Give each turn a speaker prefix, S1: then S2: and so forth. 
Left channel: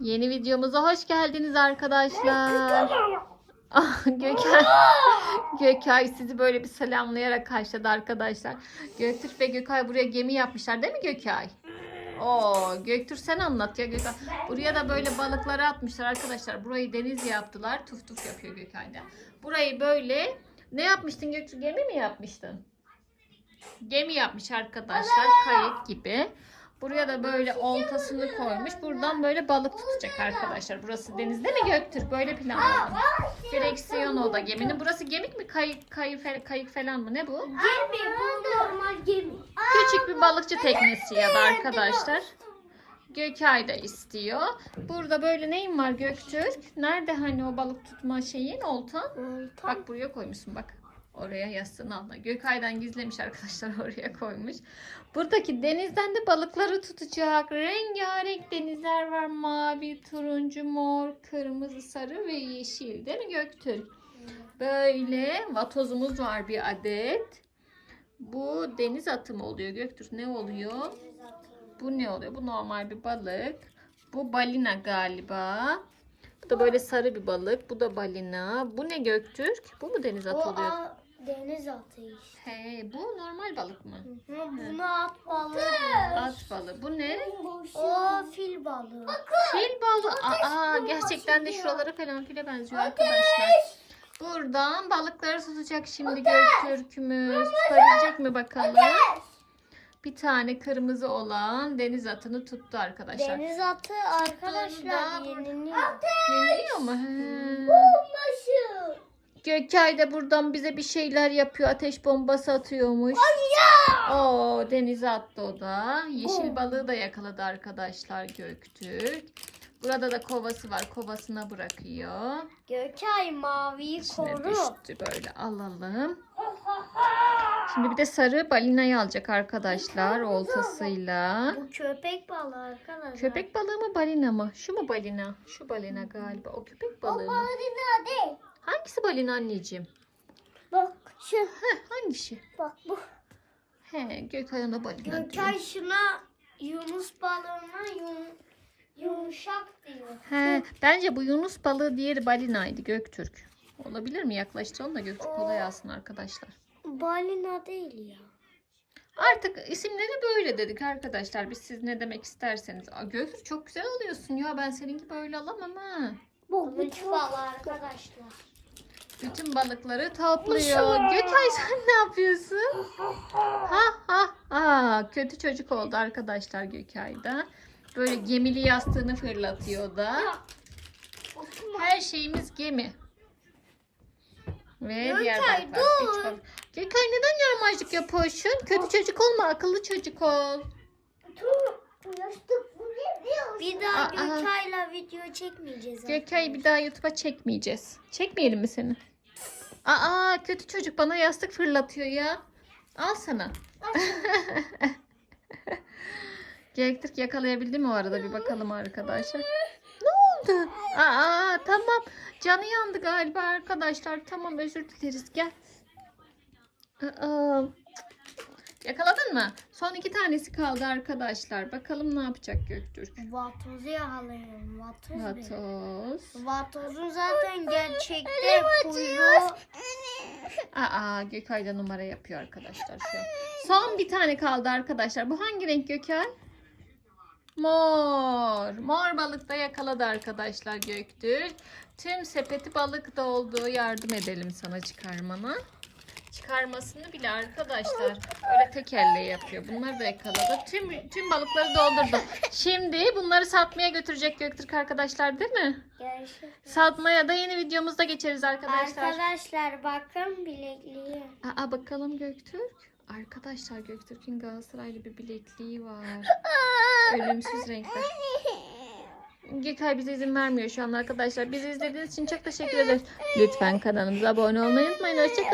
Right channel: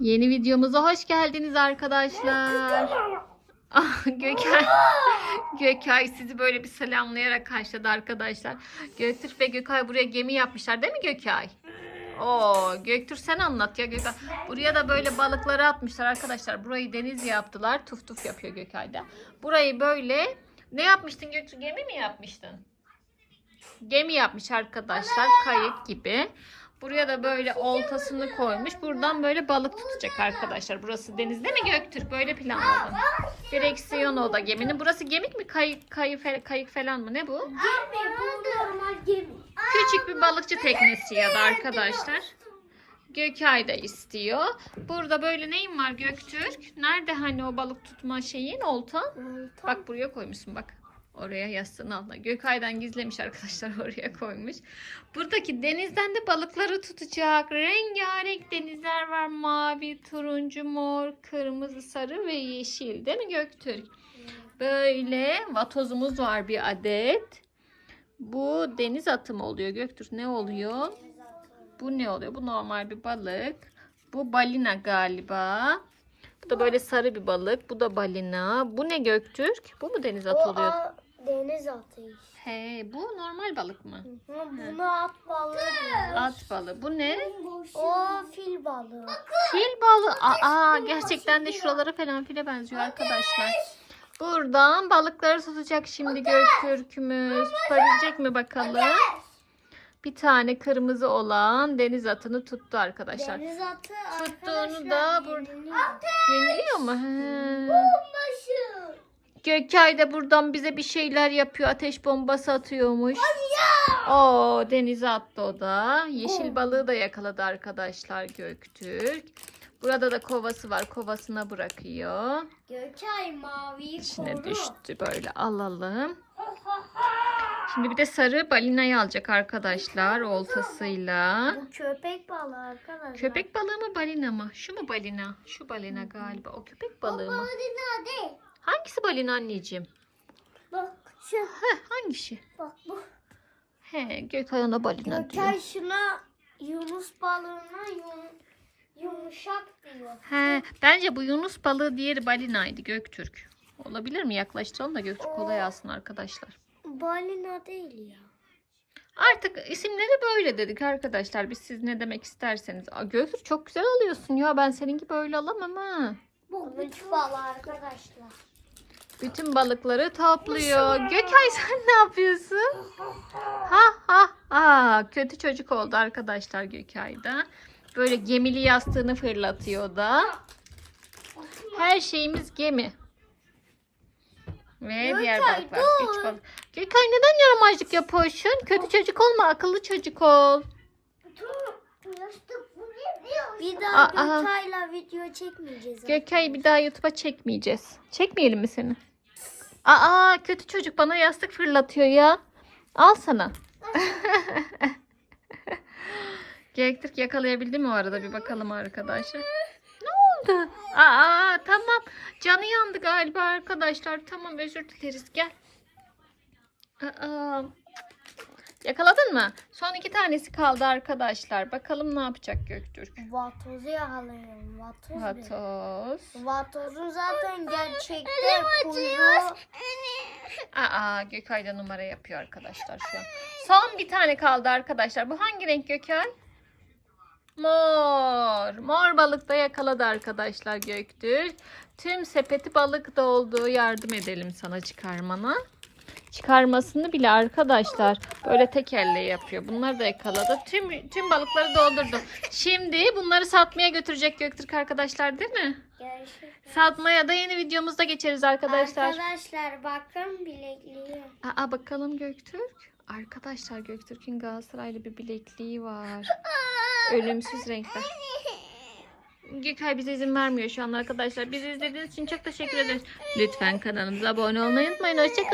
S1: Yeni videomuza hoş geldiniz arkadaşlar. Ah, Gökay, Gökay sizi böyle bir selamlayarak karşıladı arkadaşlar. Göktürk ve Gökay buraya gemi yapmışlar değil mi Gökay? Oo, Göktürk sen anlat ya Gökay. Buraya da böyle balıkları atmışlar arkadaşlar. Burayı deniz yaptılar. Tuf tuf yapıyor Gökay'da. Burayı böyle ne yapmıştın Göktürk? Gemi mi yapmıştın? Gemi yapmış arkadaşlar. Kayık gibi. Buraya da böyle oltasını koymuş. Buradan böyle balık tutacak arkadaşlar. Burası deniz değil mi Göktürk? Böyle planladım. Direksiyon o da geminin. Burası gemik mi? Kayık, kayık, kayık falan mı? Ne bu?
S2: Gemi bu normal gemi.
S1: Küçük bir balıkçı teknesi ya da arkadaşlar. Gökay da istiyor. Burada böyle neyin var Göktürk? Nerede hani o balık tutma şeyin oltan? Bak buraya koymuşsun bak. Oraya yastığın altına. Gökay'dan gizlemiş arkadaşlar oraya koymuş. Buradaki denizden de balıkları tutacak. Rengarenk denizler var. Mavi, turuncu, mor, kırmızı, sarı ve yeşil. Değil mi Göktürk? Böyle vatozumuz var bir adet. Bu deniz atı mı oluyor Göktürk? Ne oluyor? Bu ne oluyor? Bu normal bir balık. Bu balina galiba. Bu da böyle sarı bir balık. Bu da balina. Bu ne Göktürk? Bu mu deniz atı oluyor?
S2: Deniz atı işte.
S1: He, bu normal balık mı?
S2: Bunu at balığı.
S1: At balığı. Bu ne?
S2: O fil balığı.
S1: Fil balığı. Aa, gerçekten de şuralara falan file benziyor arkadaşlar. Buradan balıkları tutacak şimdi Göktürk'ümüz. Tutabilecek mi bakalım? Bir tane kırmızı olan deniz atını tuttu arkadaşlar.
S2: Deniz atı
S1: Tuttuğunu
S2: arkadaşlar
S1: da bur-
S2: yeniliyor.
S1: Yeniliyor mu? He. Gökay da buradan bize bir şeyler yapıyor. Ateş bombası atıyormuş. Oo denize attı o da. Yeşil balığı da yakaladı arkadaşlar Göktürk. Burada da kovası var. Kovasına bırakıyor.
S2: Gökay maviyi
S1: İçine
S2: koru.
S1: düştü böyle alalım. Şimdi bir de sarı balinayı alacak arkadaşlar oltasıyla.
S2: Bu köpek balığı arkadaşlar.
S1: Köpek balığı mı balina mı? Şu mu balina? Şu balina galiba. O köpek balığı mı?
S2: Balina.
S1: Hangisi balina anneciğim?
S2: Bak şu.
S1: Heh, hangisi?
S2: Bak bu.
S1: He, Gökay ona balina diyor.
S2: Gökay şuna Yunus balığına yum, yumuşak diyor.
S1: He, bence bu Yunus balığı diğeri balinaydı Göktürk. Olabilir mi? Yaklaştıralım da Göktürk kolay alsın arkadaşlar.
S2: Balina değil ya.
S1: Artık isimleri böyle dedik arkadaşlar. Biz siz ne demek isterseniz. Aa, Göktürk çok güzel alıyorsun ya. Ben seninki böyle alamam ha.
S2: Bu balığı arkadaşlar.
S1: Bütün balıkları topluyor. Gökay sen ne yapıyorsun? Ha ha ha. Kötü çocuk oldu arkadaşlar Gökay'da. Böyle gemili yastığını fırlatıyor da. Her şeyimiz gemi. Ve diğer
S2: Gökay,
S1: balıklar.
S2: dur.
S1: Üç balık. Gökay neden yaramazlık yapıyorsun? Kötü çocuk olma, akıllı çocuk ol.
S2: Bir daha
S1: Aa.
S2: Gökay'la video çekmeyeceğiz.
S1: Gökay'ı bir daha YouTube'a çekmeyeceğiz. Çekmeyelim mi seni? Aa kötü çocuk bana yastık fırlatıyor ya. Al sana. Göktürk yakalayabildi mi o arada bir bakalım arkadaşlar. Ne oldu? Aa tamam. Canı yandı galiba arkadaşlar. Tamam özür dileriz gel. Aa, yakaladın mı? Son iki tanesi kaldı arkadaşlar. Bakalım ne yapacak Göktürk.
S2: Vatozu yakalayalım. Vatoz. Vatoz.
S1: Vatoz.
S2: Vatozun zaten gerçekte kuyruğu.
S1: Aa Gökay da numara yapıyor arkadaşlar şu an. Son bir tane kaldı arkadaşlar. Bu hangi renk Gökay? Mor. Mor balık da yakaladı arkadaşlar Göktürk. Tüm sepeti balık doldu. Yardım edelim sana çıkarmana. Çıkarmasını bile arkadaşlar böyle tek elle yapıyor. Bunları da yakaladı. Tüm tüm balıkları doldurdu. Şimdi bunları satmaya götürecek Göktürk arkadaşlar değil mi?
S2: Gerçekten.
S1: Satmaya da yeni videomuzda geçeriz arkadaşlar.
S2: Arkadaşlar bakın bilekliği.
S1: Aa bakalım Göktürk. Arkadaşlar Göktürk'ün Galatasaraylı bir bilekliği var. Ölümsüz renkler. Gökay bize izin vermiyor şu an arkadaşlar. Bizi izlediğiniz için çok teşekkür ederiz. Lütfen kanalımıza abone olmayı unutmayın. Hoşçakalın.